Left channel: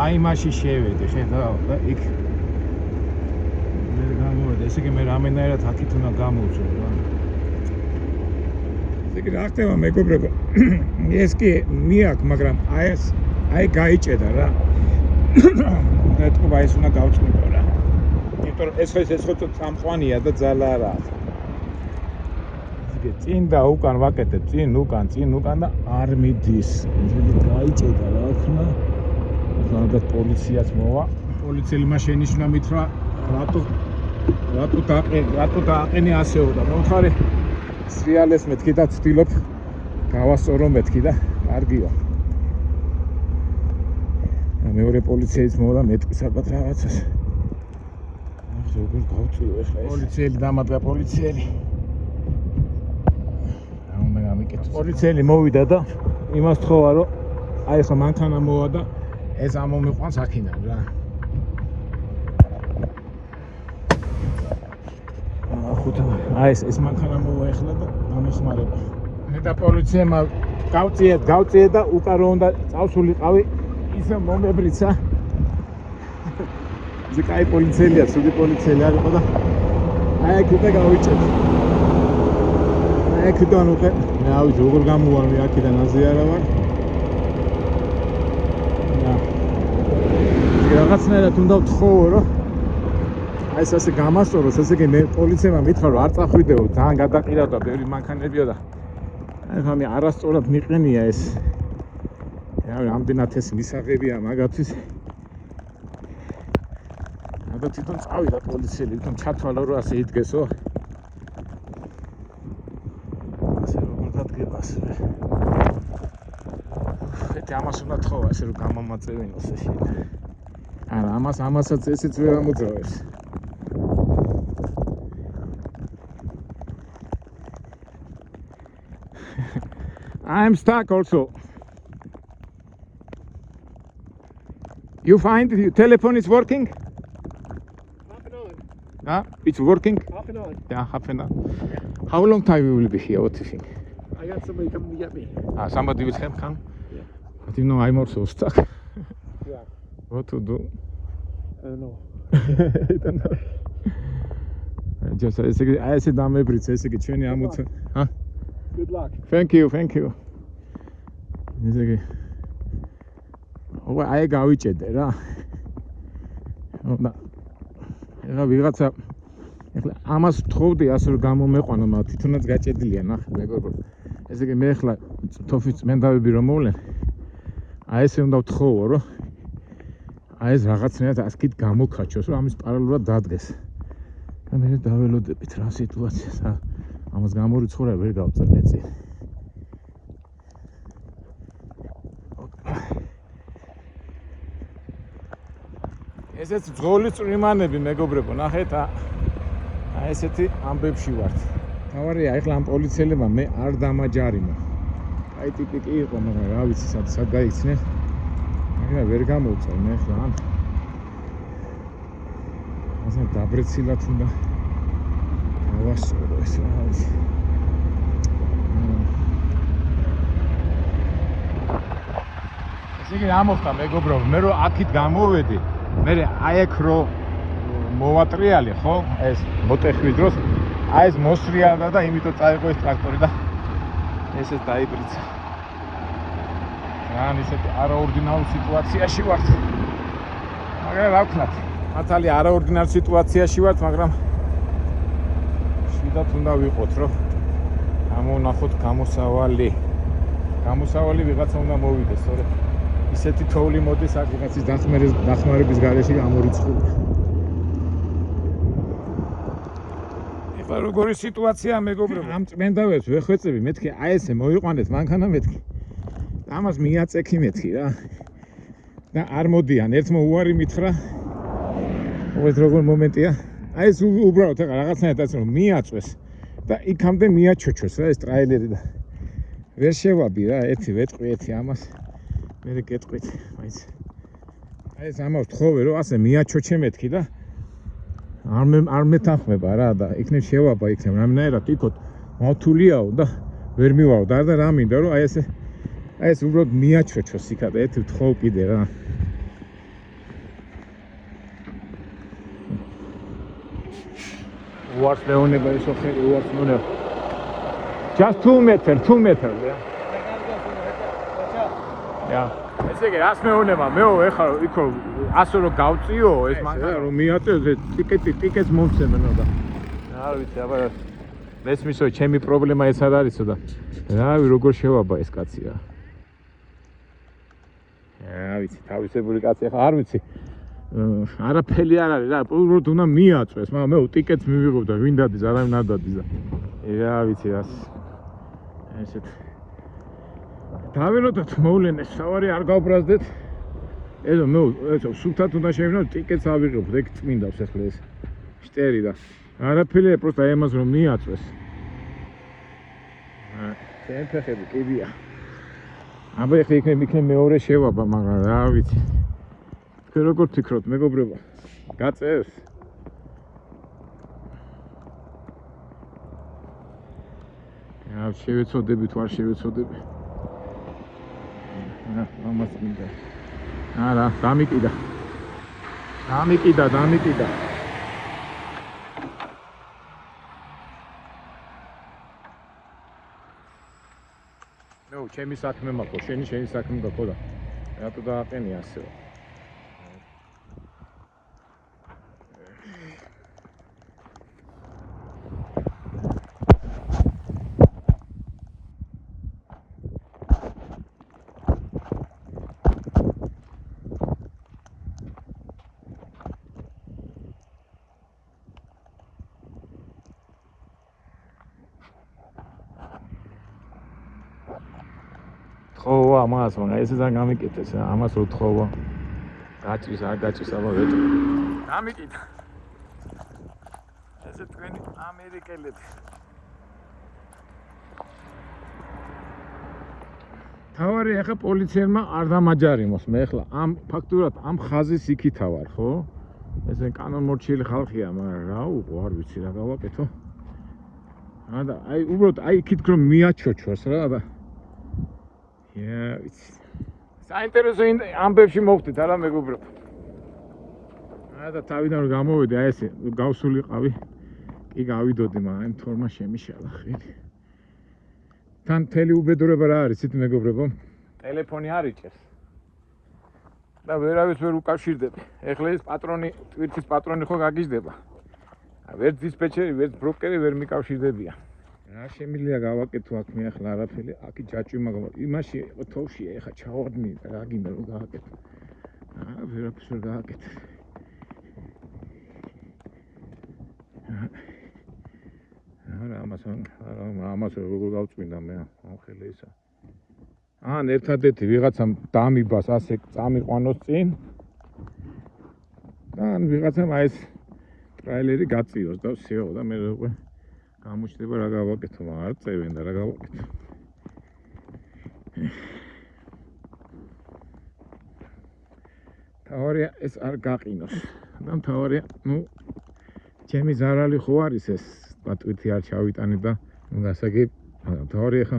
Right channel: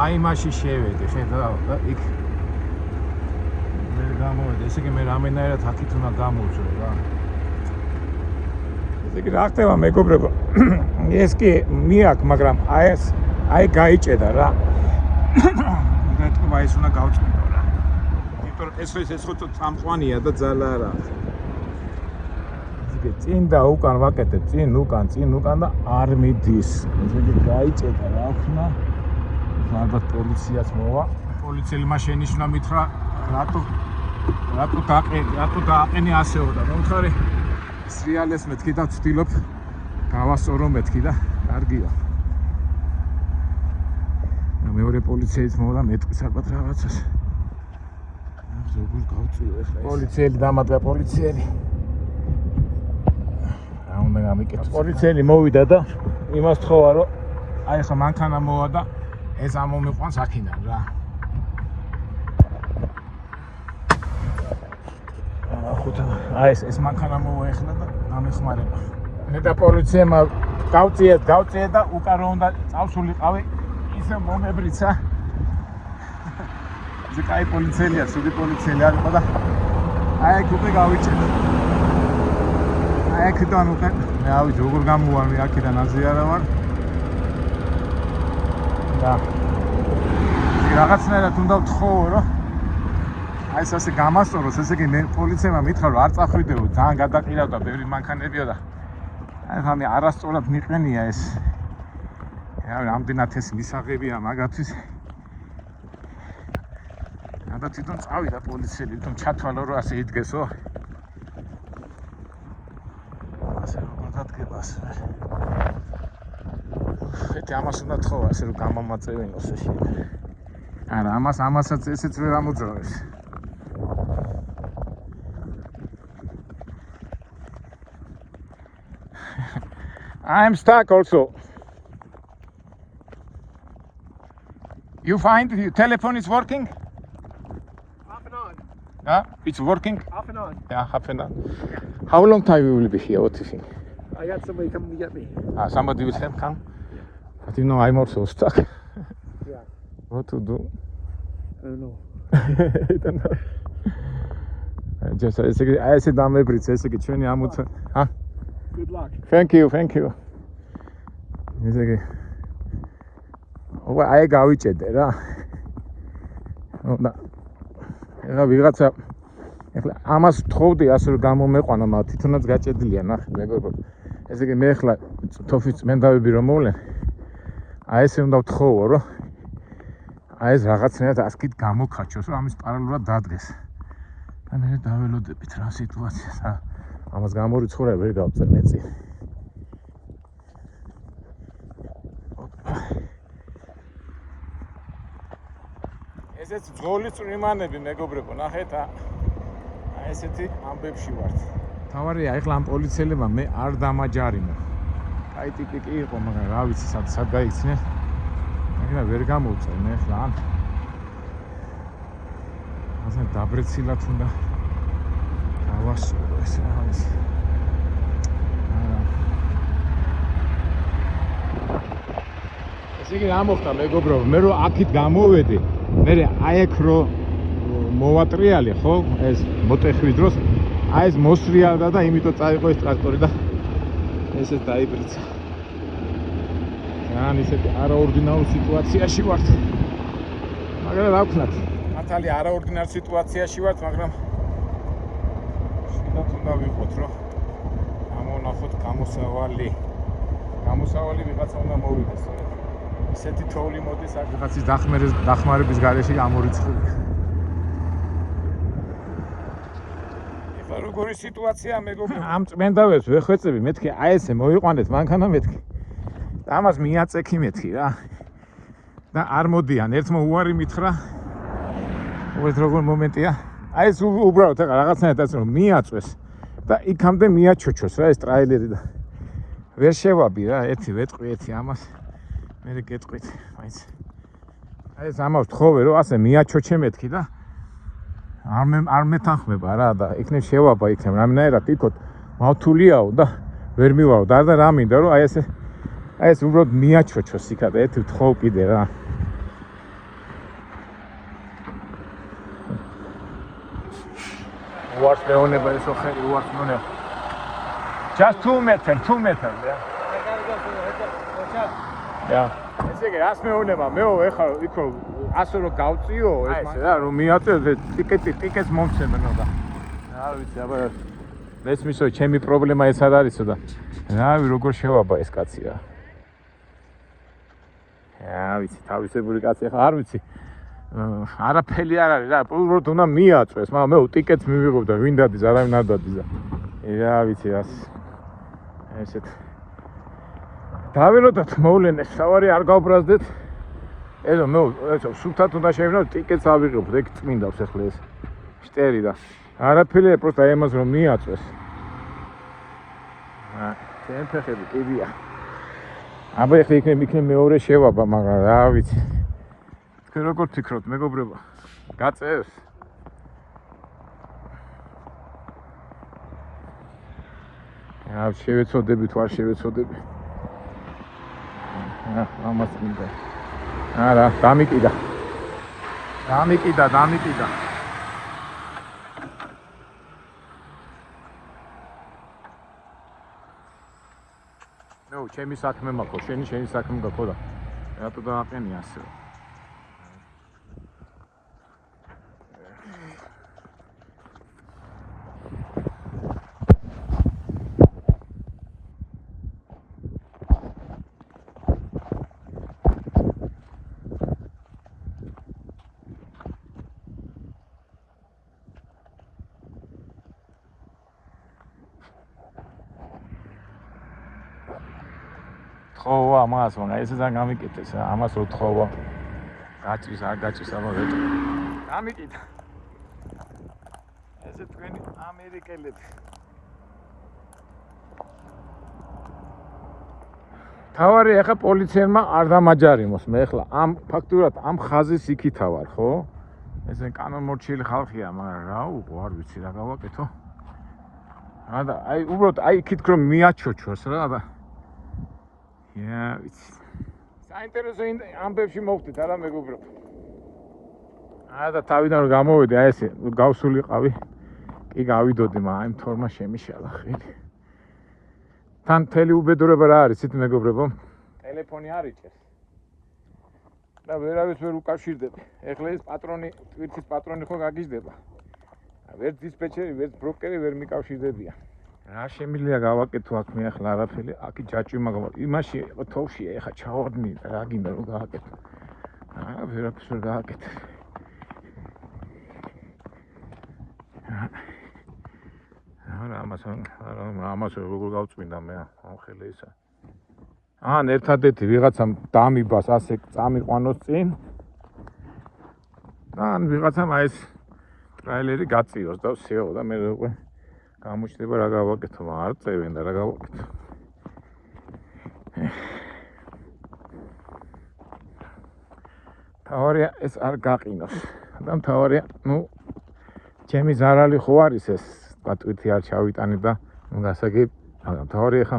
აი მაშინ შევედი, ხედავ და იქ მე გამოვედი, ესე იგი მე რამენაირად აქეთ უნდა გამოვწვე რა. ესე იგი რა ხდება მეგობრებო? ეს კი მიაკ, მაგრამ აი გაიჭედა რა. ეთქვა ის უნდა გავწმიდო რა. იმიტომ ეს ხო წამყვანია და ძალა არა. ისე წინ და უკან ვაკეთებ, წინ უკან და არ მიდის. ესე გაიჭედა რა ხნა. ალბათ პოლიციას მოვა. პოლიციელმა შენიშნა მითხრა რატო დააყენე ასეო და მომხარე სრიალეს მეთქი და ვცდილობ გავასწორო მეთქი და კარგია. მეორე პოლიციეც მოვა მეტყვის ალბათ რაღაცას. როგორ გავწვიო ახლა ეს. პოლიციელი დამატება პოლიციელი. რა უნდა გამიკეთოს. პოლიციელი მოვიდა და იმას თხოვა რომ აი ხა მანქანა მოვა და ეს ამომიყვანს აქედან რა. აი ეს მანქანა მოვა ახლა და გამეხმარება. მე და პოლიციამ გავწიე და უკან რო უნდა წავსულიყავი ისე მომებრიცა. ეს კაი პოლიციელია, სუგი პოლიციელი არ იყო და აი აქ უკვე გავიჭერე. აი აქედან უკვე მე ავიდე როგორ გამოვარ მე აქედან აზიარა ვარ. და რაღაცნაირად უნდა ვთხოვო რომ აი ეს ასე გამასწოროს, ესე იგი მე პოლიციამ მითხრა რომ არ წახვიდეო, ძალიან გადაყირავდა ბევრი მანქანებიო და აი ხამი არასწორად მიყენია ეს. რა რამდენად ეს მისაღებია მაგათთვის. და თვითონ წავიდა პოლიციელი, თვითონ ჩათვალა რომ ასე იდგესო. ასე როგორ დადგება ასე. ეთი ამას უნდა თხოვა ასე რომ გამომაწევინოს ეს. არა, ამასაც ესეც ვერ ამოძრავეს. I'm stuck also. You find your telephone is working? Half an hour. It's working? Half an hour. Yeah, half an hour. How long time you will be here? What do you think? I got somebody coming to get me. Somebody will come? But you know, I'm also stuck. Yeah. What to do? I don't know. I don't know. I said, I'm every day. Good luck. Thank you. აი გავიჭედე რა. და ეხლა ვიღაცა ეხლა ამას თხოვდი ასე რომ გამომეყვანა, მაგრამ თვითონაც გაჭედილია ნახე მეგობრებო. ესე იგი მე ეხლა თოფის წმენდავები რომ მოვლენ, აი ესე უნდა ვთხოვო რომ აი ეს რაღაცნაირად ასკით გამოკაჩოს, რომ ამის პარალელურად დადგეს. და მე დაველოდებით რა სიტუაციას. ამას გამორიცხურე ვერ გავწერ მეცი. ესეც ძღოლის წვიმანები მეგობრებო, ნახეთ აი ესეთი ამბებში ვართ. თავარია ეხლა ამ პოლიციელებმა მე არ დამაჯარიმო. აი ტიპი კი იყო, მაგრამ რა ვიცი სად გაიქცნენ. ეხლა ვერ გამოვწერ მე ეხლა ან ასე დაბრეცილად უნდა გავასწორო ეს რა ვიცი. იგი რა მოხდა მეგობრებო, მე რომ აქით გამოვედი, მე აი აქ რო მოვატრიალი ხო, ეს მოტეხვის დროს აი ეს მოსრიალდა და იმიტომ წაიღო ეს ტრაქტორი და ესეც დაიბრიცა. რა ისეთი არაორდინარულ სიტუაციაში ვართ. მაგრამ რა ვქნათ, მართალი არაორდინარ სიტუაციაში ვართ, მაგრამ შედათ უნდა ვიყოთ, რომ გამოვნახოთ გამოსავალი ვიღაცა უნდა მოვიდეს, სწორედ. ისეთი თოვლი მოდის აქ რაღაცის დახმარების გარეშე გამორიცხული. ეხლა როგორი სიტუაცია მეგობრებო? ამ წმენდავებს ვეხვეწები, მეთქი აი ესე მოიყვანეთ მანქანა მეთქი. და ამას მიაწექი მეთქი რა. და არ მოდიან, ერთმა უარი მითხრა. უბრალოდ როგორ მომენტია? აი ეს უბრალოდ ეხლა რაღაცნაირად ასე რომ მიაწვეს და იქამდე მიაჩოჩოს რა ეს ტრაილერი და ვერ შევაბი რა, ერთი ვეტყვი, ერთი ამას. მე გეტყვით, მაინც. აი ეს ამას თხოვე რომ ასე მიაჩოჩე მეთქი და არ მეთანხმება რა და იქნებ შევაბა იქნებ რამენაირად იქოთ მავთულიაო და ვერ მივარო და რა მინდა რომ აი ეს უბრალოდ მიაჩოჩოს იქა და ერთი თხოვ კიდე რა. What's the only way so heavy? What's no no? Just 2 meter, yeah. Yeah. ესე იგი, რას მეუნება? მეო ეხლა იქო ასე რომ გავწიო ეს მაგ რა რომ მიაწევ ტიკეტს მომცემენ და. რა ვიცი, აბა მესმისო ჩემი პრობლემა ეს არ არისო და რავი როგორ შევაბა ეს კაცი რა. რა ვიცი, თავისებური კაცი ახლა არ ვიცი. არაფერი არ არის რა, უბრალოდ უნდა მიაწვეს, მაგრამ მე ტიკეტს მივიღებ და ვინ დადის, არავინ არ დადის და. რა ვიცი რას. ესეთ დაველოდოთ მოვლენეს, სავარი არ გავბრაზდეთ. ეზო მე სულთად უნდა შევიდო ტიკეტს ავიღებ, ეგ წმინდავს ახლა ეს შტერი და არაფერი, просто აიმას რომ მიაწვეს. ჩემ ფეხები კიდია. აბა ეხლა იქნებ მეორე შევაბა, მაგრამ რა ვიცი. თქვენ როგორ ფიქრობთ, მეგობრებო? გაწევს? რა შევეცოდები თუ არ შევეცოდები? ამას მინდა. არა, დამიკიდა. ნუ, ჩემი საქმე მაქვს, შენი საქმე გაქვს და რატო დააყენე ასე? თხოვა მას, მაგრამ ეს ძალიან გამიკეთეს, ამას რო თხოვა. გაჭის, არ გაჭის, აბა ვეტყვი. გამიკიდა. ესე თქვენი ამერიკელები. თავარი ახლა პოლიციელმა არ დამაჯარიმოს, მე ახლა ამ ფაქტურად ამ ხაზის იქითა ვარ, ხო? ესე კანონმორჩილი ხალხია, მაგრამ რა უყო, არ ვიცი რა გავაკეთო. და აი უბრალოდ აი იქით რომ მიაჩოჩოს რა და ვიცი. საინტერესო ამბებში მოვხდით არა მეგობრებო. და თავიდან რომ გამოვედი, აი ესე გავსულიყავი. კი გავიდოდი, მაგრამ აი თორმა შემიშალა ხელი. თან მთელი უბედურება რა არის, იცით მეგობრებო? ტელეფონი არ იჭერს. და ვერავის ვერ უკავშირდები. ეხლა ეს პატრონი, ტვირთის პატრონი ხო გაგიჟდება. ვერც დისპეჩერი, ვერც ბროკერი ვერ მიკავშირდებიან. რა შემიძლია გავაკეთო აქ მე ახლა არაფერი, აქი ჯაჭვი მაგრამ იმაში თოვშია, ეხლა ჩავარდნი, რა გინდა რომ გააკეთო. ვერაფერს ვერ გააკეთე. ამას როგორ გავწმინდა მე ამხელე ისა. ერთადერთი ვიღაცამ დამიბას ასე წამიყვანოს წინ. და ვიღაცამ აი ეს ტრაილერი გაწიოს და всё და მე უკვე გამოჩნდება რა გავაკეთო, არ წევენ და რა გავაკეთო. თავარია ეს არ გაყინოს. და თავარია, ნუ ჩემი ზარალი ხო არის ეს, პატვითი არ ჩავიტანე და ნუ გასაგებ, მაგრამ თავარია ხა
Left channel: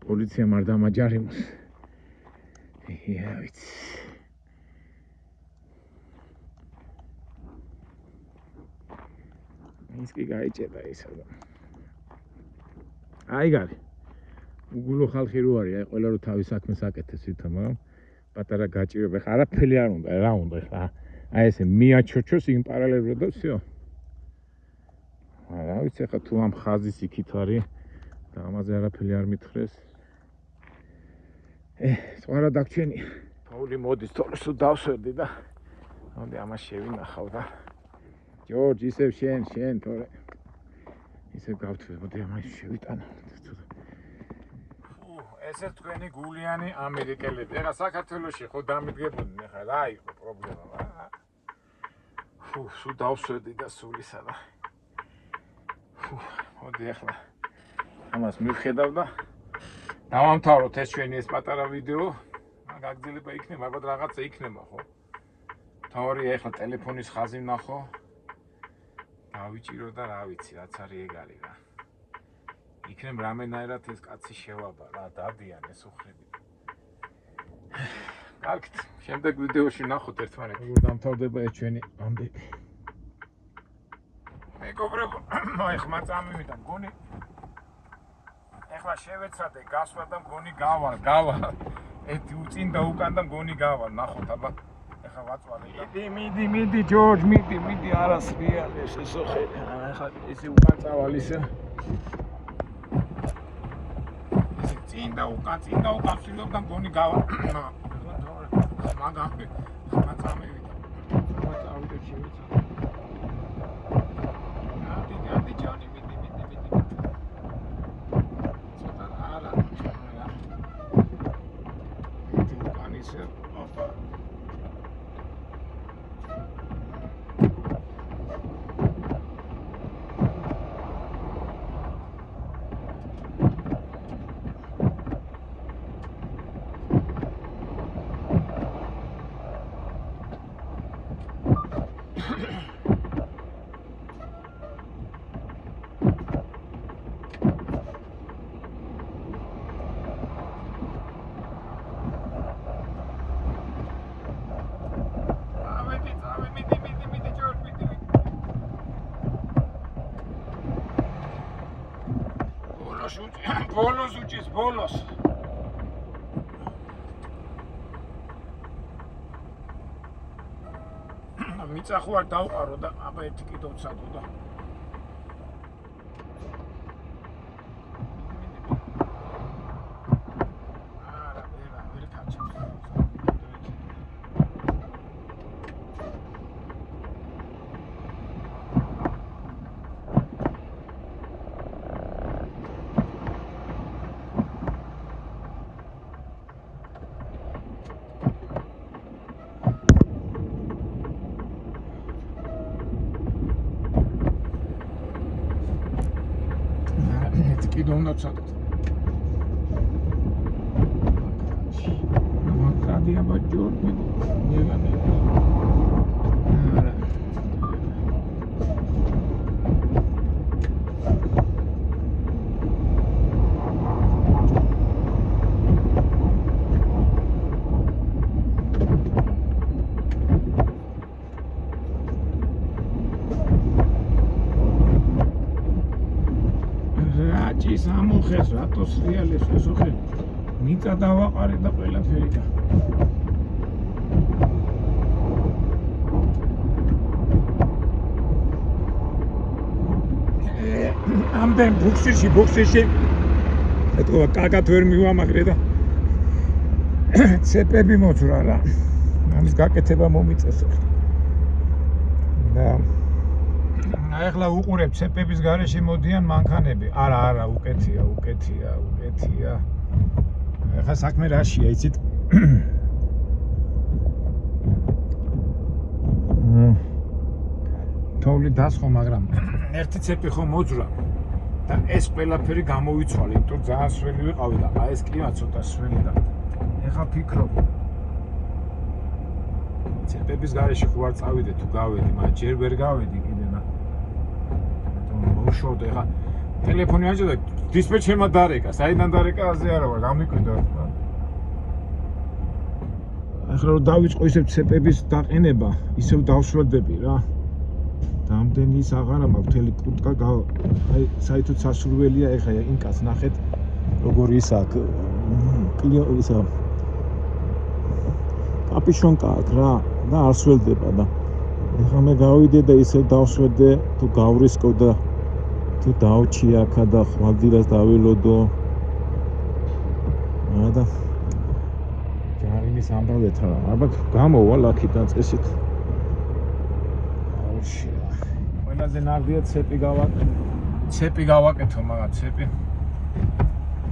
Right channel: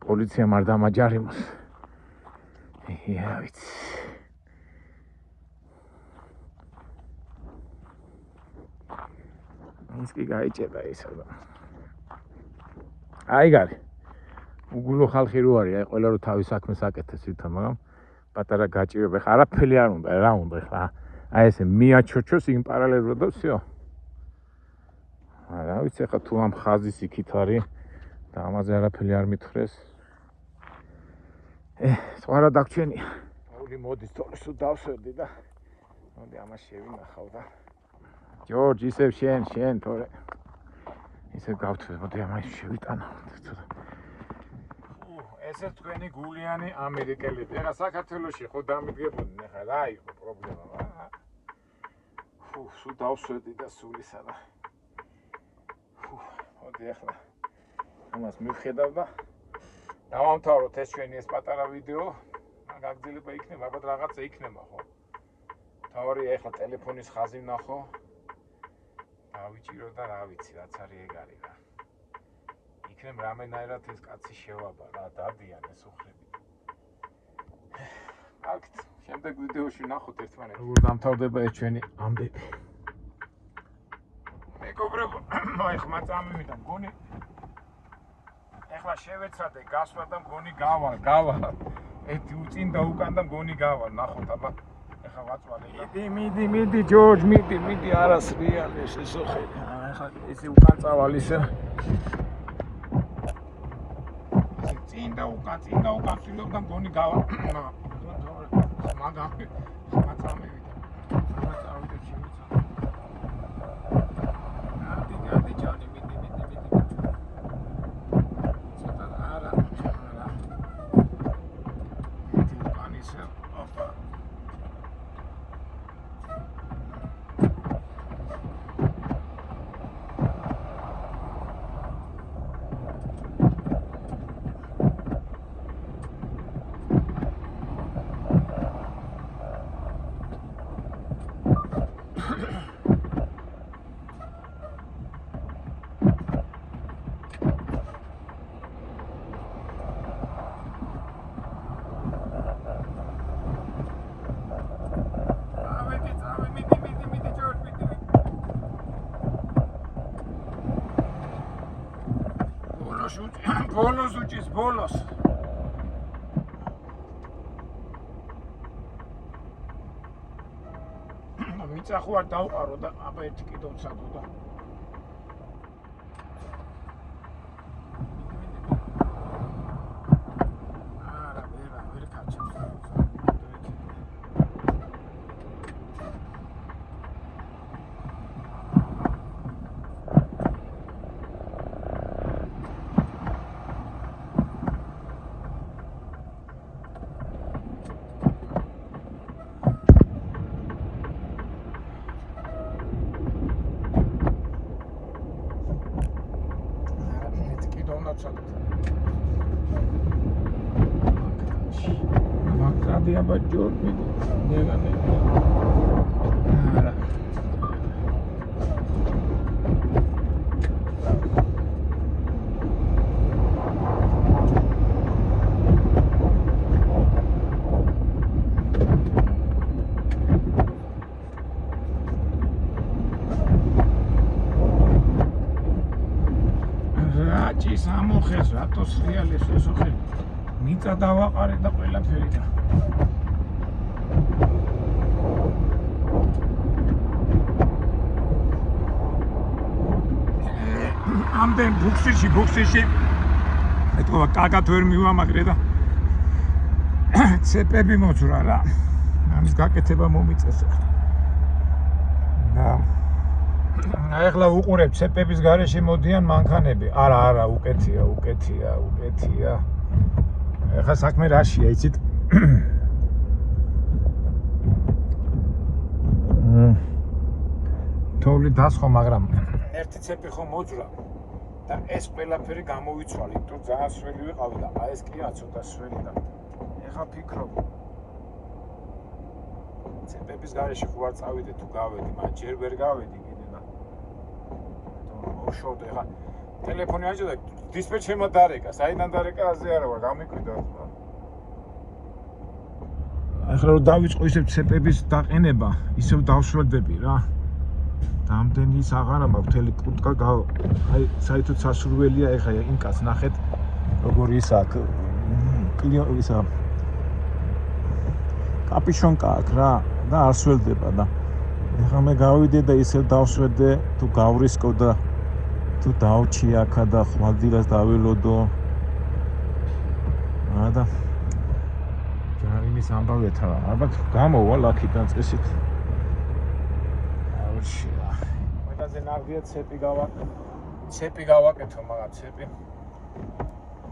პოლიციამ არ დამაჯარიმოს. ვიცი. ის კი გაიჭერდა ისა და აი გარი უგულო ხალხი რო არის, აი ყველა რო თავის საქმეს აკეთებს ვითომ, მაგრამ პატარა გაჭირება ხა არაფერი არ უნდა, რა უნდა ხა აი ესე მიაჩოჩოს იმ პარალელურად და всё. რა ვიცი ხა თუ ამ ხაზის იქით არის და ამაზე არაფერი არ მითხრეს. სხვა რა დაგჩენია. თოვლი მოდის თორე სულ დავსვერდი და მოდი ამას შევინახავ და ჯორჯ ისევ შენ თორე ისევ გავთვლე, მოდი ამას შევიტანო. ესე თქვენი გულიანი ამერიკელები. ეხლა საქართველოში ხო დამიდგებოდნენ, ეხლა რა იყო პრობლემა, რა. სულ დავსვერდი და სულისა და მოდი ეხლა ამას მივხედავ და დავამთავროთ ეს ჩვენი ეს პატარა ვიდეო. გაგრძელება იქნება, ალბათ რაღაცა იქნება, ხო? თავარია ეხლა ტელეფონის ხაზი ვნახო. დავიჭირო და რა ვიცი, რაც არის ეგ არის რა. იქნებ რამენაირად ეს კაცი შევაბა რა, დადიან ეს უხრები. კარგით, შემდეგ ვიდეოში ვნახოთ ერთმანეთს. როგორ დამთავრდება ეს ჩვენი ამბები. მეგობრებო, აი ხმა წამივიდა მგონი. ეხლა შევეცადე გასვლა და მგონი გავა. ერთი უწინ და უკან და მგონი გავა. ნახოთ აბა. ეხლა ვაწვალე და მიდი ჯორჯ, მიდი არას რეალი შესოხე. ეხლა ესე უკან წავალ ისე. ესე წინ და უკან და მგონი გავა. მაგარი ხმა წამივიდა. ბოლოს მიწახო არ დავყარო და აბა ერთი კიდევ ვცადო და კიდევ უნდა ვცადოთ. მაგარი აბა ჯორჯი ნეგანე. არა. სამოხეს რატოს რეალის ესოხე მიწა დავაყარე და ყველაფერი და ამდენ ბუქსირში ეტყობა კაკად ვერ მივამაგრე და ცეპები მოძრა რა ამის გაკეთება მომიწესო და ეხლა უყურებ ცეპების გარეშე მოდიან მანქანები. არა, უკეთია. ეხლა საქმე რაშია, იცით? თოვლი დასხო, მაგრამ ერთი ცეპი ხო მოძრა და ეს ყველაფერი გამოვიცვალე, იმიტომ ძალიან სველი ვიყავი და აი ეს კლიმატ ცოტა სველი და ეხლა ფიქრობ ცეპების გარეშე ხო არ წავიდე თუ გავედი, მაგრამ ჯერ ვერ გავედი კიდე და მოშოდე ხა ტელეფონი აჭდა დისპეჩერმა დარეკა, საიდან დარეკა აზე არა ვარ, გამიკვირდა. ახლა რომ დავიწყო ისევ ცეპების დაყენება, ისევ დავსვერდები რა. დამდენი ის აღარა მაქვს, მთელი კუტკა აი საერთოდ სასურველია ეხა იმ კაც ნახეთ როგორ ის აქ ისა კაპიშონკა აქ რა და არ სველდება და ეხლა მე გავიდე და ისევ დავსვერდე თუ გავრისკო და თუ დავჩი აქა და ხვალდილას დავილოდო და ჯარიმის ამბავეთა ალბათ გამოვალ აქიდან წესით ყველაზე ნაღდია ცეპი გავაკეთო მაგა ცეპი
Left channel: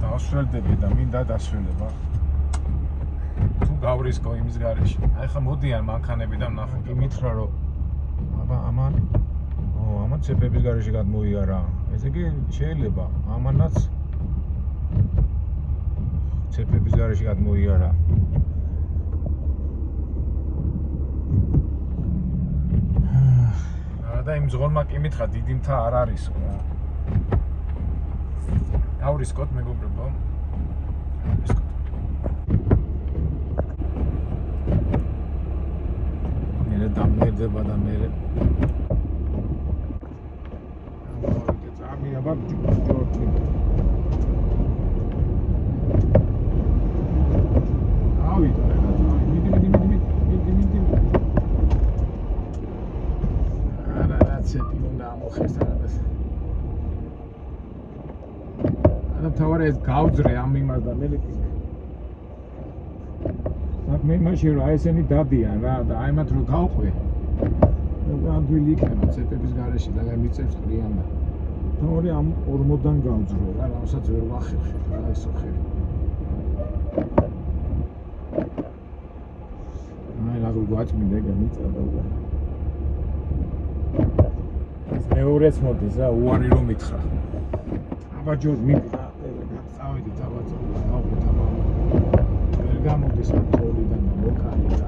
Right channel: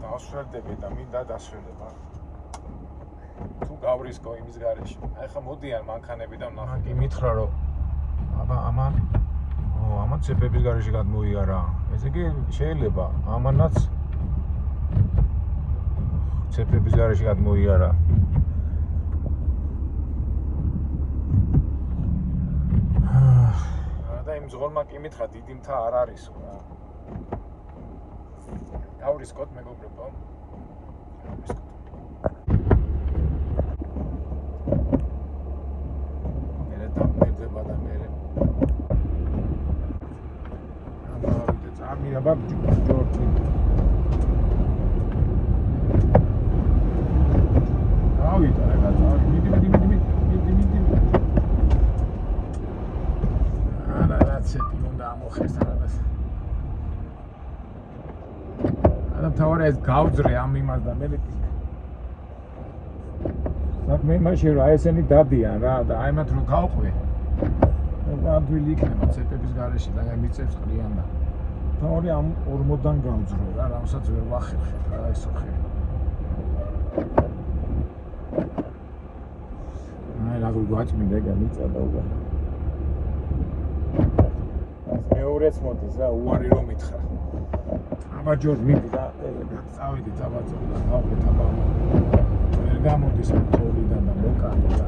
დავსველდები და მინდა დასველება თუ გავრისკო იმის გარეშე აი ხა მოდიან მანქანები და ნახოთ მითხრა რომ აბა ამან ცეპების გარეშე გადმოიარა ესე იგი შეიძლება ამანაც ცეპების გარეშე გადმოიარა და იმ ზღორმა კი მითხრა დიდი მთა არ არისო დავრისკოთ მეგობრებო მერე დამერდება და მერე აბა ჯორჯი. ავიდა რა მიდი. არა რაცეთი უნდა ამოხეს რაღაც. არა თავარი ეს გავძრე ამ იმას და მე ვიტი. საქმე იმაშია რომ აი ესენი დადიან რა და აი მათ რო გავყვე. და ადვილი იქნება ცეპების გარეშე და გამიწევს ყრიან და თავარი ამ 40-დან გავძრო რა რასაც ვერ ვახერხე რა ესო ხე. მე როგორ გვაწმინდა გამიწადა უბრალოდ. მეორეც მოდის რა უარი რომ მითხრა. აბა ჯორ მიდი და წავედი დაბაძო გავყვეთ აბა. ვერ გამოდის თოლიდან და მოკარი რა.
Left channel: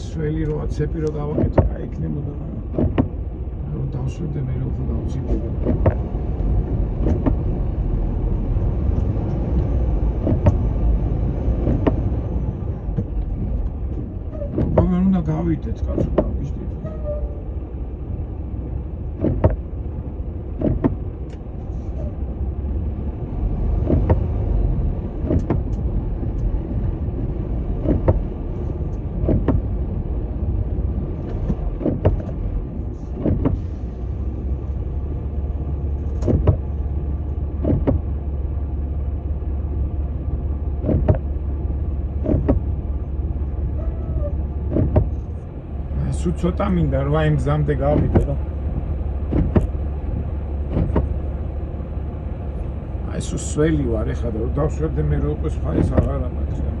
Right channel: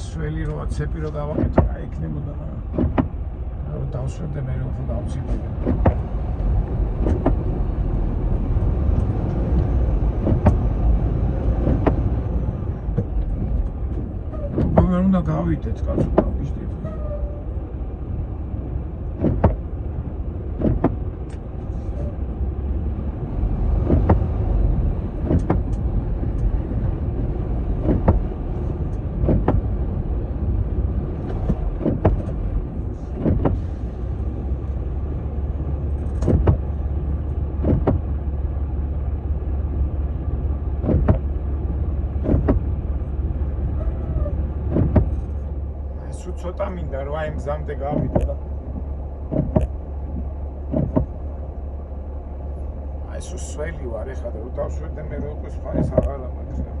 სველი რო ცეპი რო გავაკეთე, აი იქნებოდა რა. რომ დავშვებდე მე რო დავცირდებოდა. როგორ უნდა გავიდეთ კაცო, ვიშტი. სულ ცოტა მინდა რომ აი მზამდე გავიდე და აი სულ სველი ვარ ეხლა და რომ დავშვებდე მე რო უკვე ფაის აღარ ამაქვს რა.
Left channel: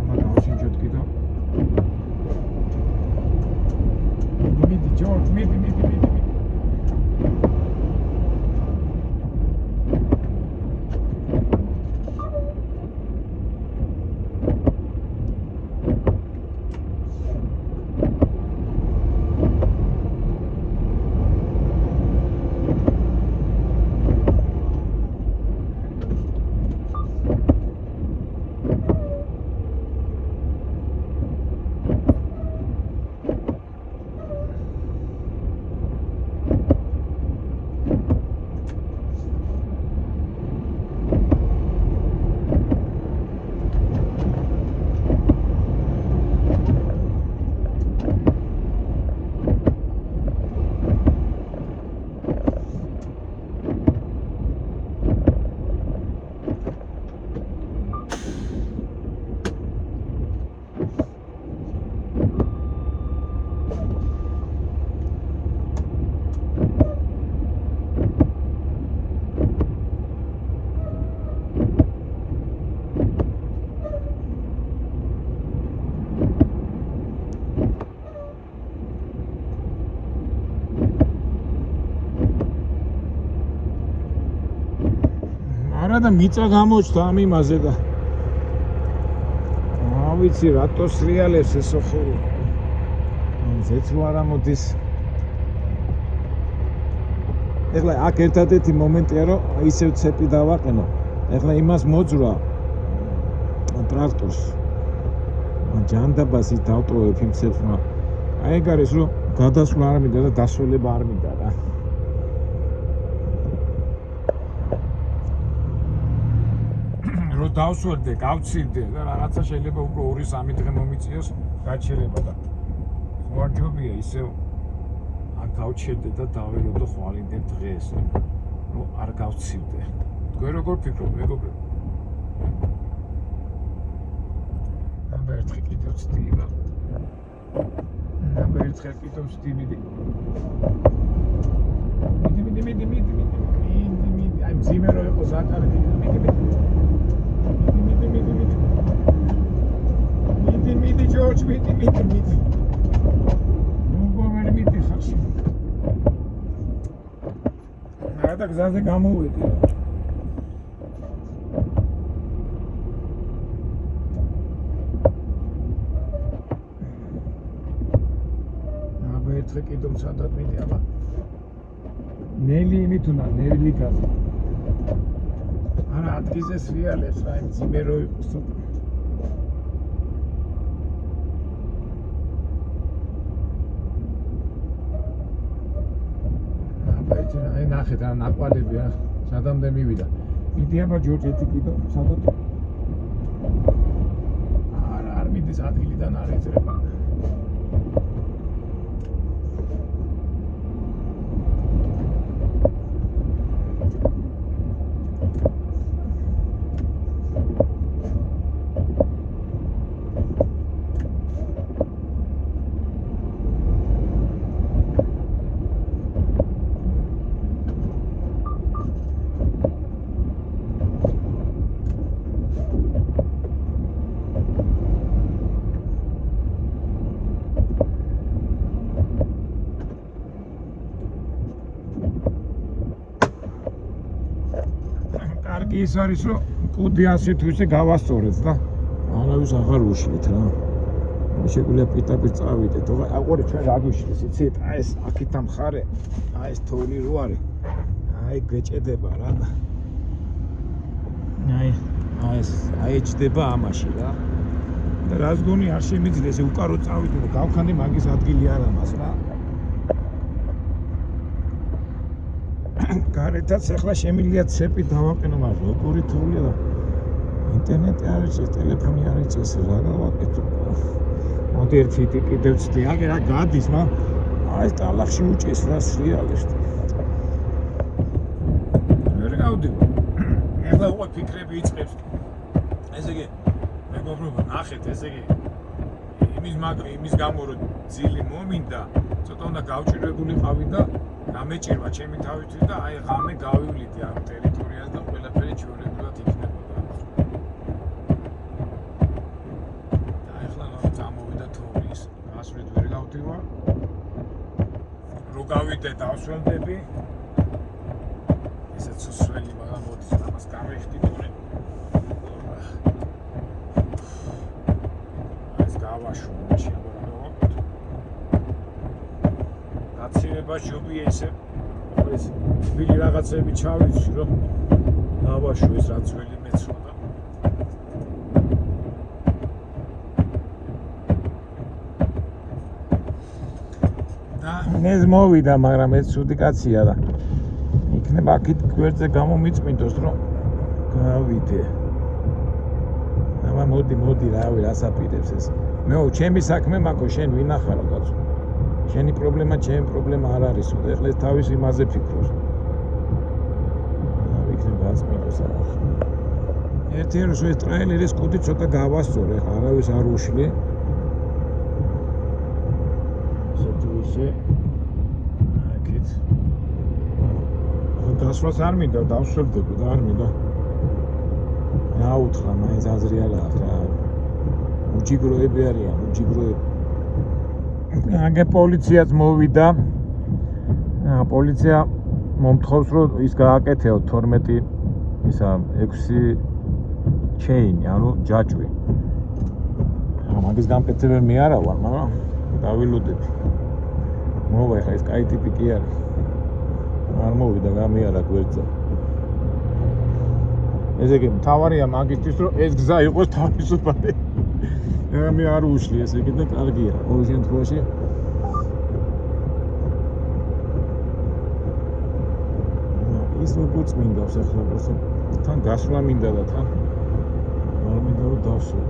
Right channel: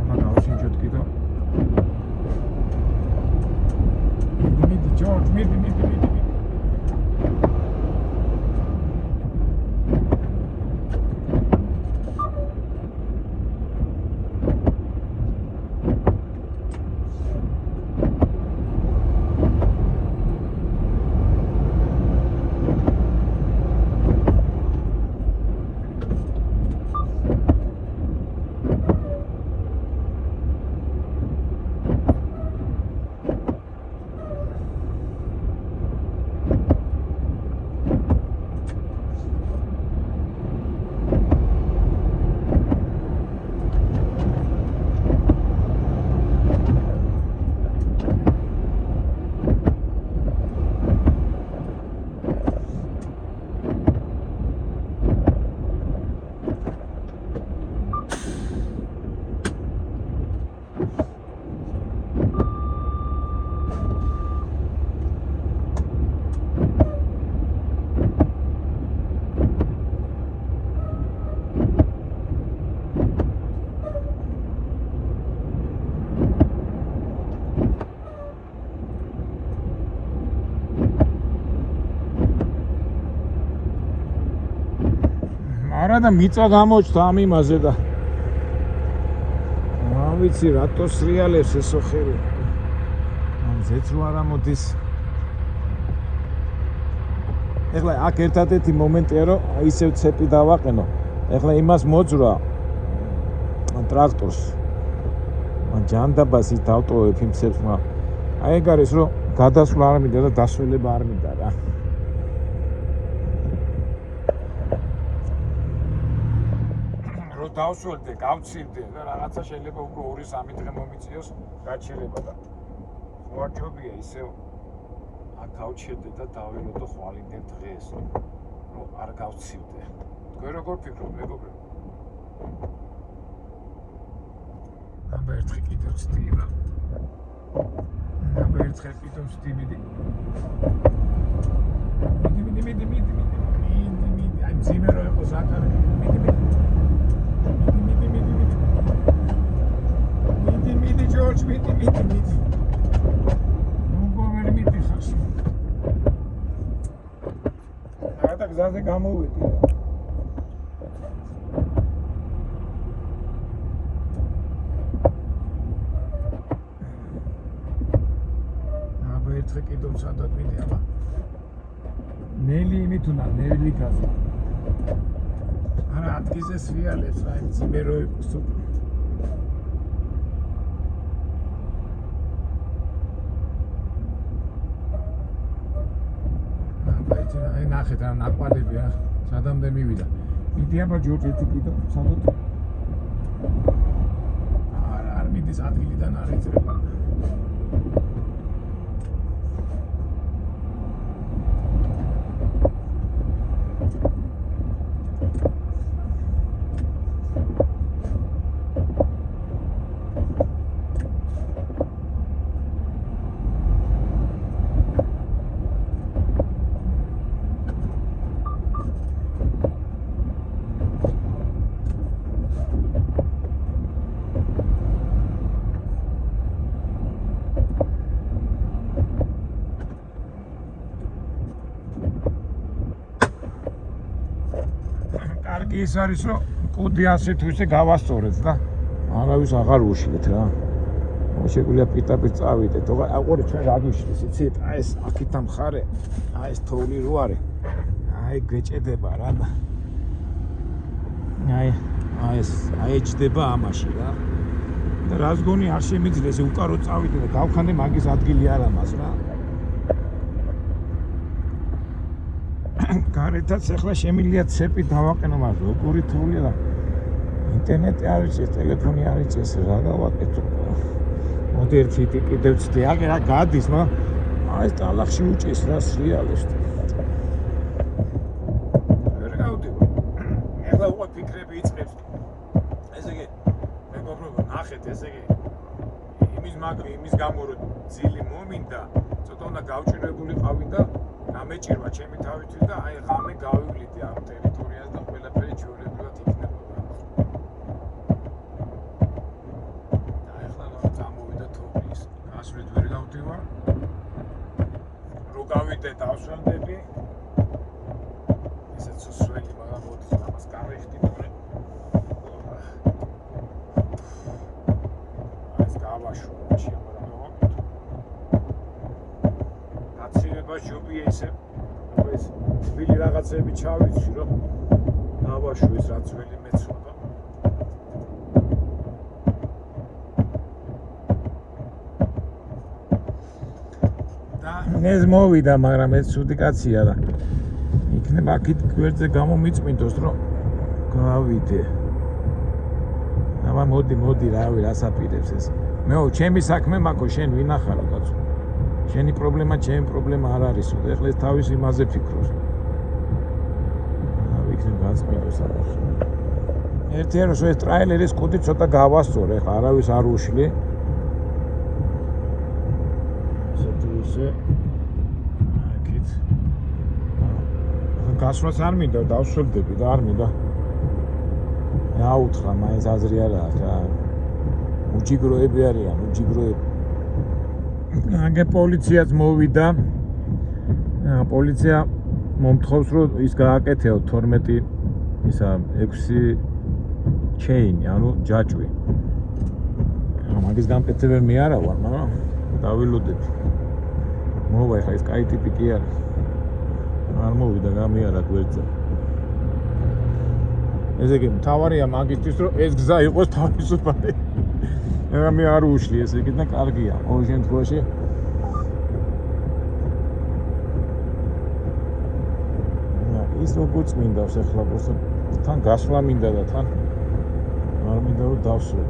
ამა გავშინჯოთ კიდო. მიდი ჯორჯ მიდი. და მიწა გამოჩნდა ამ იმაზე და ვიცი რატო სრიალებს ესო ხელი ზეც რო არ ამოდის. ეხლა აქ ერთადერთი მომენტია რომ ისევ ცეპი დავაყენო. ეხლა იმას მოძრა ტრაქტორს ჯანდაბას ის დავტოვებ იმ ცეპს, მაგრამ აი ეგ არის რომ გადასვლა არ მინდა და დასვლება არ მინდა რა. დავსვერდე, გავცირდე და რაღაცა შეიძლება უკვე 2-3 დღე მომიწიოს გაჩერება და ხوارჯობია ისევ აქ გავჩერდე და დაველოდო ხვალინდელ დღეს რომ არ გავცირდე. თქვენ როგორ ფიქრობთ, მეგობრებო? აბა ერთხელ კიდევ ვცდივა. მიდი. აი მძიმე რო იყოს აკარი. მიდი ჯორჯ, მიდი. მოგომერი მიდი ხარ. და გზაზე გამოვედი რა. ნელი იმით უნდა ნელი გასა. არა ადგილზე სრიალებს რა იმის მე რო აი ნახეთ რა ნაკვალები რა სადამდე მივიდა. მიდიაბა ჯორჯ ერთი კიდო სადაც არ მიდის ადგილიდან არ ეწება. ის არის რომ კუდი ასე თუ ისე გავასწორეთ და არავის აღარ უშლით რა. შეგვიძლია პიტაპით წავიდეთ. აყური ჩვენ რა გვიშლის იცით? აი ეს აქეთ ამხარე, აი ეს თოვლი რო არის. აი გეჭედება რა და აი ეს ეჭდება ამაში რა. და რას გონი არ შემიძლია ესე უკარო წავიდე და გავქანდე მაგის ადგილი არ ამას რა. გარეთაც ახლა შემიძლია ცეპი დავაყენო მაგრამ ორი თოვლი და ინტერნეტი არის ეს ტელეფონი არის ეს რა გავაკეთო მოდი ერთი კიდევ ცდი აგე რა გადის ნო აი ეს ტალახში უჭის რა სრიალებს ვერ გავდი ახლა უკვე ფიქრები იწყებს ესე იგი მეგობრებო ნახეთ ესე იგი იმის გამო რომ ძილი მომინდა ცოტა უნდა გავჭირებულიყავი და გამეჭირვა ჩემი თავითვით და აი ღამე გავივლიდე ამ ტერიტორიას და ყველაფერი ჩვეულებრივად იქნებოდა. და ახლა რომ წამოვიდა თოვლის, გასვლით ვერ გავდივარ. რო გავიდე დავსველდები. ესეც სველი რა მოდის ამას გავიხდი თორე. ეს გავაშო მაშინ ბაშობია ისე ეს თბილი რაღაცები ჩავიცი რომ დავაშო ეს რაც ველი მეცოდა და ეს მოვიდა მაგრამ ეს ცუდი კაცია და იქნება აქეთ გვერდზე გამომიწმინდოს რომ გავიდე აბა მოდი რავი რასაპირებს ეს მეო ჩემი საქმე მაქო შენ ვინახარო კაცო შენი პრობლემა, ჩემი პრობლემა არ არის და ეხლა ეს თავის იმაზე ფიქრობს. ვიქნებ გაწყვიტოს ამას. ერთიან რომ ეს ტრაილერის კუდი ცოტა გავასწორე, ხა არავის არ უშლი. ისე აქეთ. გასვლას არ მინდა, დავსვებდები და არ მინდა. რა უთხრა, მაინც აზრი არა ახლა. უჯიგროები არიან, უჯიგროები. აგე პოლიციაც მოვიდა. პოლიცია მომთხოვს რომ ის გააკეთეო 12 ისა 6 ჩეინი, ანუ ჯაჭვი. მაგის გამკეთება მე არა ვარ, მაგრამ დავილოდები. მოვა ხა ეს კაი ტიპი კი არის. არ მოვიდა გამიარა გვერდზე. ესე იგი მთავარია მაგისთვის რომ ეს გზა იყოს თავისუფალი. მე არ უშლი ესე იგი და კარგია. ყოველ შემთხვევაში ის როგორც მინდავს ახლა просто თან გასვლა მინდა და თან არ მინდა რომ დავსვო.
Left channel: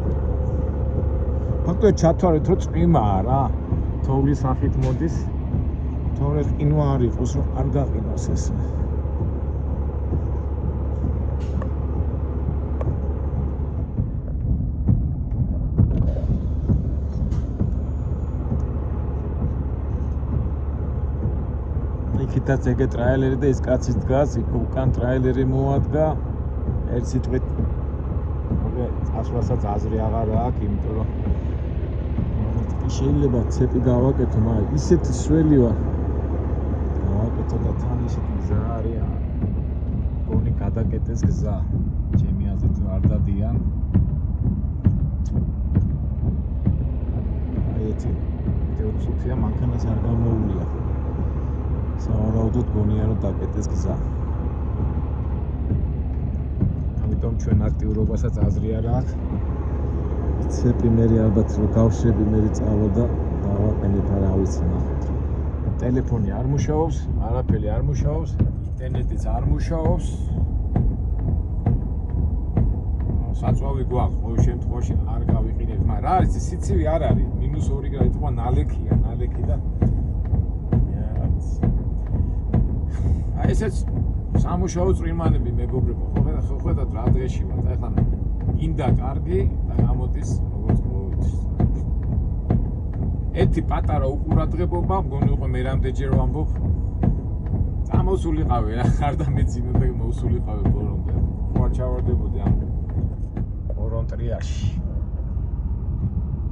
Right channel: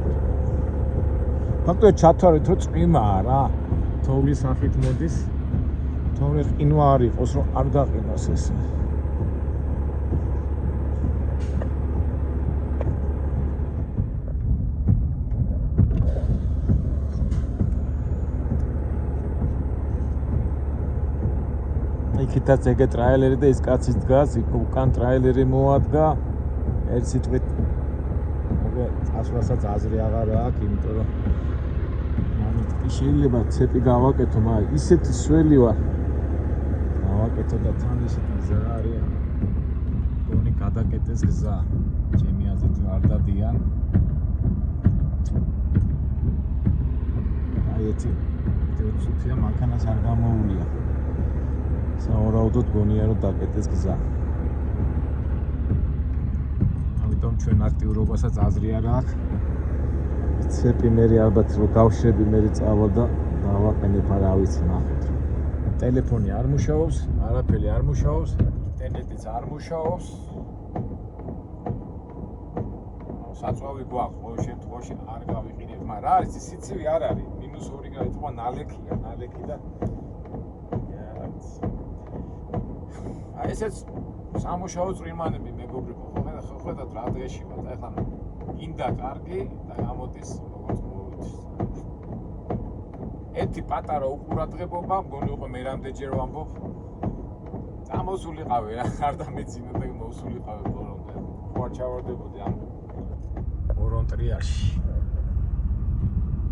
ფაქტობრივად ჩათვალეთ რომ წვიმაა რა. თოვლის სახით მოდის. თოვლის ყინვა არ იყოს რომ არ გაყინოს ეს. იქითაც ეგე ტრაილერი და ის კაცი დგას, იქ უკან ტრაილერი მოადგა. ერთ სიტყვით წასვლასაც აზრი აღარ აქვს, იმიტომ რომ შეიძლება ცეპი გავაკეთო, მაგრამ ისეთი სველი ვარ. გავაკეთო და თან ისეთი გზა არის. გონი გადაკეტეს გზა. ჩემი აზრით არ დადიან. აი იცი. ეს ცუცია მანქანას არ გამოუვლია. საუბრობთ გონია რომ დაკეტეს ეს გზა. ამიტომ ჩვენ აქტიურობასაც აზრი არ აქვს. ცეპი მე ალბათ რო გავშრები მე წავალ და დავაყენებ არა ვიცი ნახოთ. ტელეფონი არ მუშაობს, არაფერი არ მუშაობს, ინტერნეტიც არ მუშაობს. საწვავი გვაქვს, ყოველ შემთხვევაში არ გავიყინებთ, მაგრამ რა არის სიცივი არ არის, -2 გრადი თქო ნალექია, ნალექი და აი ესეც სამუშაო წვიმანები მეგობრებო, ხედავთ რა დღეში ვართ, ეხლა გინდა კარგი და გამოდის როგორც მოუდის. ერთი პატარა უყურადღებობა, მგონი უკვე მე რამდენჯერ ვამბობ. წამოსულიყავი რა, არ დამეძინე და მოსულიყავი ბოლომდე. ხო არ ჩავარდებოდი ამ ორონტრიაში.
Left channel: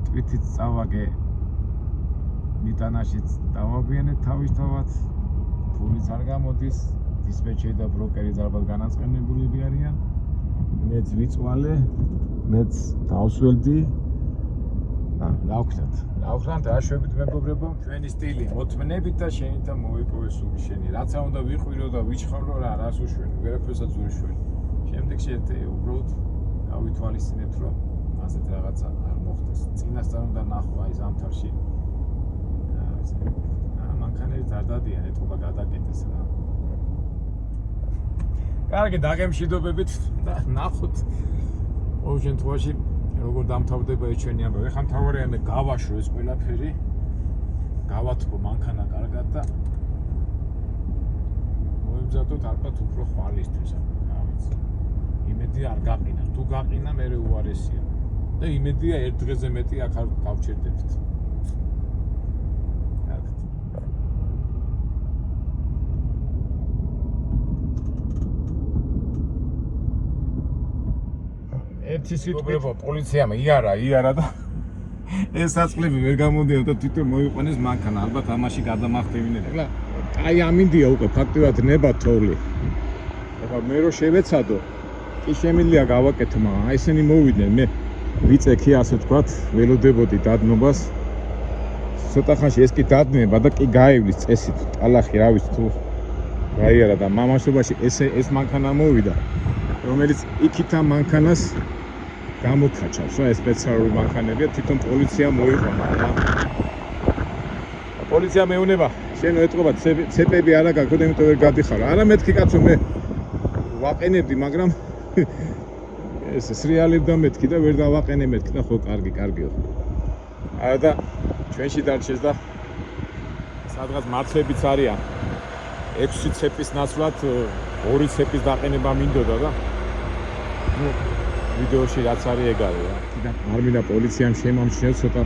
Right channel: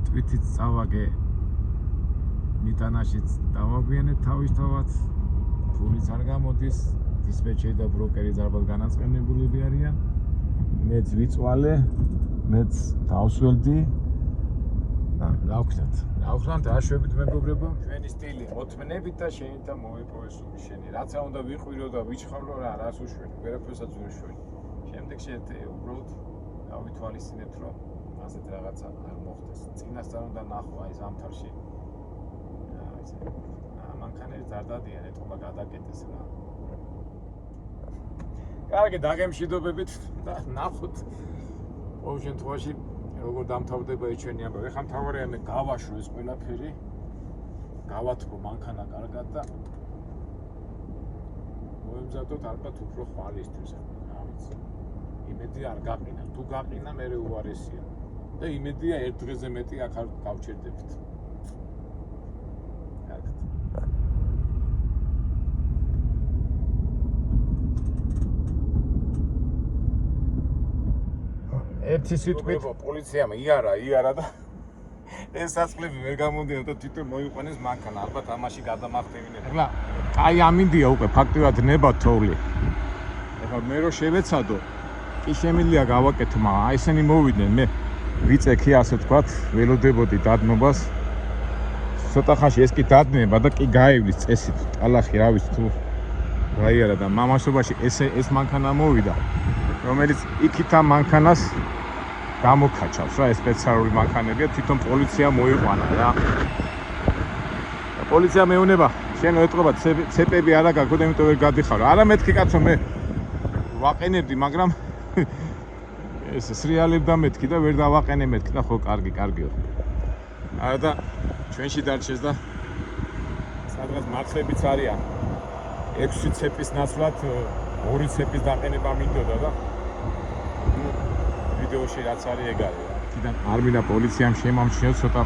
თვითიც წავაგე მიტანაშიც დავაგვიანეთ თავისთავად. ფულიც არ გამოდის, დისპეჩერი და ბროკერი ალბათ განაცხენებულები არიან. მეც ვიწვალე, მეც დავსველდი. დავხდათ. რა შვებით მეგობრებო, ჩვენი სტილი მოთმნებით და შენით და მოვიპოვე სული შენი. რაცა უნდა ვიყვირო და ვიჩხარო რა, რას უშველი, ვერაფერსაც ვერ შველი. შემდეგში უბრალოდ გავითვალისწინებთ, რომ ასეთ რაღაცა არ მოხდეს. წინასწარ უნდა ნახო აი ზამთარში. მანქანებით არ დადიან, ეთქობა გადაკეტეს რა. კარგი, დაგემშვიდობებით და ნახოთ. ყოველ შემთხვევაში როგორ დამთავრდება ეს ჩვენი ამბავი. ეხლა მთავარია მე გავაშო ეს ყველაფერი. გავათბო მანქანა კარგად და მოიმზადოთ ალბათ უფრო ხვალისთვის. რა ვიცი. იმედი არ გაყინა. თუ გაყინა, მე უარესია. და იმედია ერთ დღეზე მეტი აქ არ გავჩერდებთ. ერთი სიტყვით პოლიციამ იარა და ეს საწყლები ვერ გამოდიოდა და თვითონ მოიყვანეს მანქანა. ალბათ ამაში გადამახტევინეთ. ეხლა აი ამინდია უკვე ფაქტიურად ნება თოვლი. ეხლა მე რო შევეცადო, კი შემიძლია გავაკეთო, მაგრამ აი ესენი მოვიდნენ, მე ვიწექი ასე ვთქვათ, ველოდებოდი დადნობას. ცოტა ხანში ეს კი დადნება და კი გაივლის წესით, ტალახი რა ვიცი თუ გაიარა და მამასობაში ეს მანქანა მოვიდა, რომელიც იქით ამ მანქანას გამოკაჩავს რა, ეს სპეციალური მანქანებია, თვითონ პოლიცია მოიყვანა რა. პოლიცია მეუბნება, შენ ეტყობა ცეპები არა გაქვს, იმიტომ ვერ გადიხარო. არა მეთქი კაცო, მე ვაყენებდი, მაგრამ ეს სრიალებდა მეთქი და ვერ დავაყენე მეთქი და ხო კარგიო. არა და ჩვენში დარჩეს და სადღაც მართლებიც არიან. 6 ცეპის ნაცვლად 2 ცეპის დაყენება მინდოდა და ვიდეოში რაც არის ეგ არის რა. კიდე არ მინდა პოლიციამ შემამჩნიოს, ცოტა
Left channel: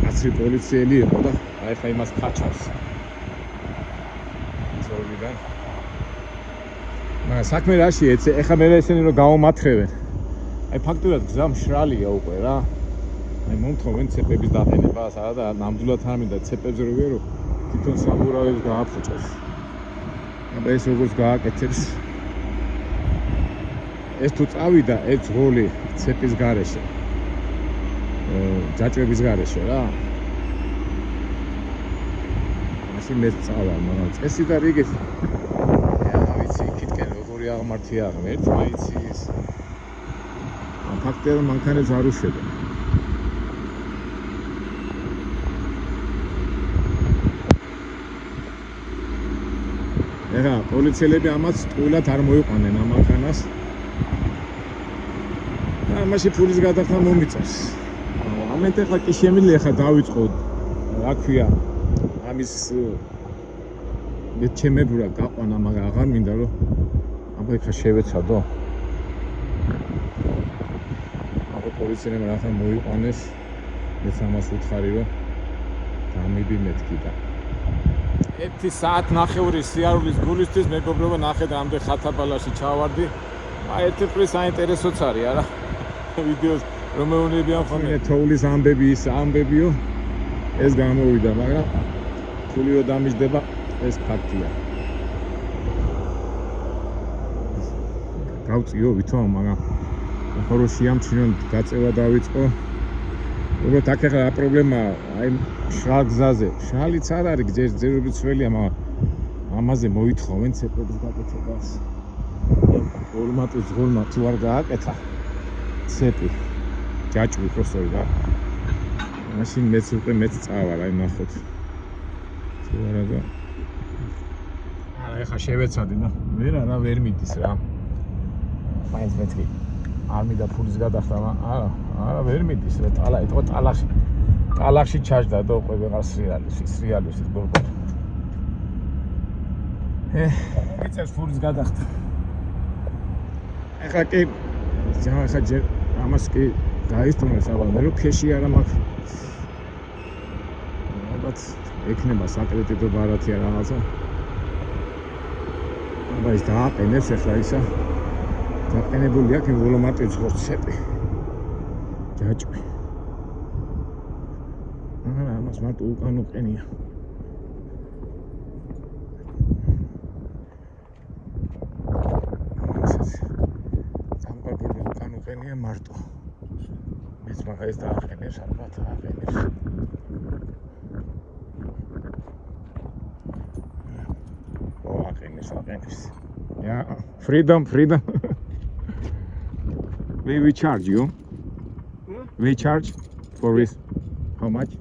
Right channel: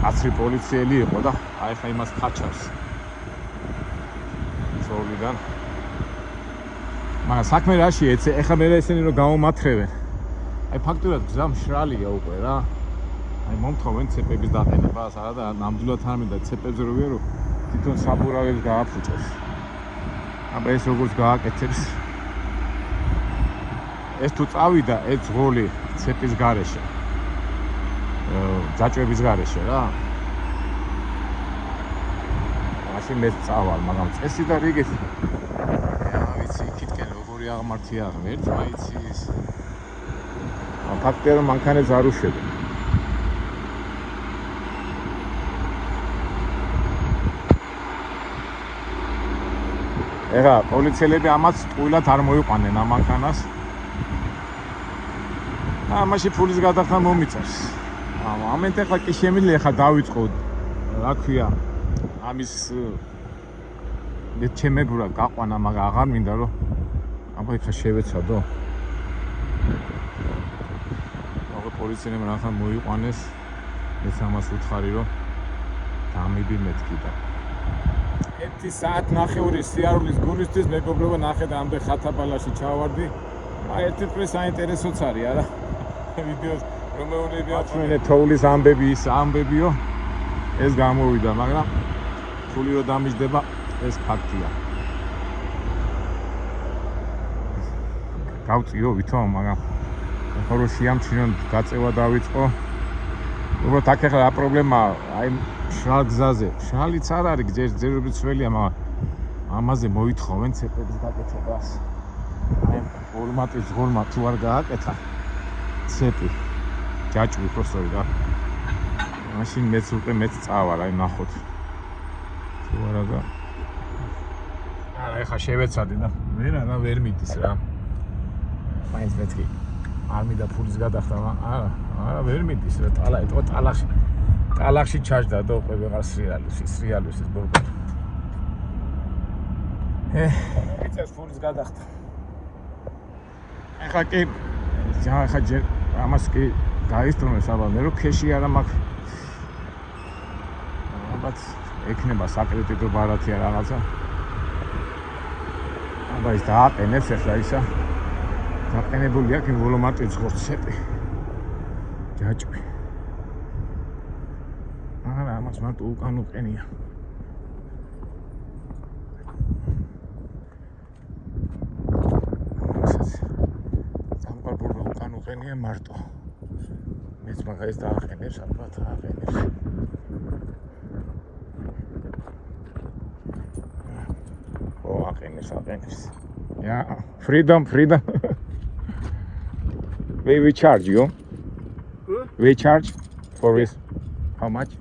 კაცრი პოლიციელი იყო და აი ხა იმას ხაჩავს. ზოლიდან. მაგრამ საქმე რაში ეცე, ეხლა მე ესენი რომ გაუმათრევენ. აი ფაქტურად გზა მშრალია უკვე რა. მე მომთხოვენ ცეპების დაყენებას, არა და ნამდვილად არ მინდა ცეპებზე რო ვიარო, თვითონ საბურავებს გააფუჭოს. აბა ეს როგორც გააკეთებს. ეს თუ წავიდა ეს ძღოლი ცეპის გარეშე. გაჭვების გარეშე რა. მაშინ მე წავალ, მაგრამ წესი და რიგეთი. რა ვიცი, იქითკენ როგორი აღმართია ერთმანეთის. ფაქტია რომ მანქანებს არ უშვები. ეხლა პოლიციელები ამას ტყუილად არ მოიყვანენ ამ მანქანას. და ამაში ფულის გადახდა მომიწევს. ამით ეხლა კი შემიძლია ეხლა დავიწყო, რა ქვია, ამის მეჩემებურა გაყვანა, მაგრამ აღარ მინდა რომ აბა ეხლა შევეცადო. აბა პოლიციელებმა რაღაცა მოიყვანეს, მეც ამას ვუთხარი რომ დამიბი მეთქი და 1 საათნახევრის სიარულის გულისთვის მეგობრებო, ნახეთ რამდენ ხათაბალაში ჩავარდი. აი ერთი პლუს საინტერესოც არის არა. ვიდეოს რომელებია ხოლმე თოვლის ამბებიო ეს გამოვიდა, მაგრამ ფული რო დამიჯდება ეს ფაქტია. გავწიო ვითომ, მაგრამ ხოლო შეამჩნიონ გაწევა დავიწყო. უბრალოდ აქ ახლა რა პრობლემაა, აი მშრალ გზაზე. მშრალიც არ არის, ჯერჯერობით სველია, მაგრამ ამაზე მოითხოვენ ცეკვების გაკეთებას. ფორმატის ღორმა თუ არ გააკეთა ცეკვი ჯაჭვი ხოსოი და მაშინ მეც უკვე მეც წავალ აი ნახოთ თუ არა და არა ეხა შევეცადე და ვერ მიდის რა მაინც მეთქი არ მინდა ფულის გადახდა არა ვერ მიდის რა ტალახში ჩაჯდა და უკვე ვეღარ სრიალებს ეს ბორბო იცეს ფულის გადახდა ეხლა კი ეხლა ჯერ ამას კი დაისწროს ალბათ რომ ქეში არა მაქვს ალბათ ექნება საკრედიტო ბარათია რაღაცა აბა ის დააყენებს ეხლა ისა დაყენებული აქვს ვოლომატის ღორცები ჯაჭვი არა ამას მარტო უკან უყენია უყენია მარტო მეც მაგას დააყენებს ალბათ აყენებს აყენებს yeah freedom we charge you we charge for this how much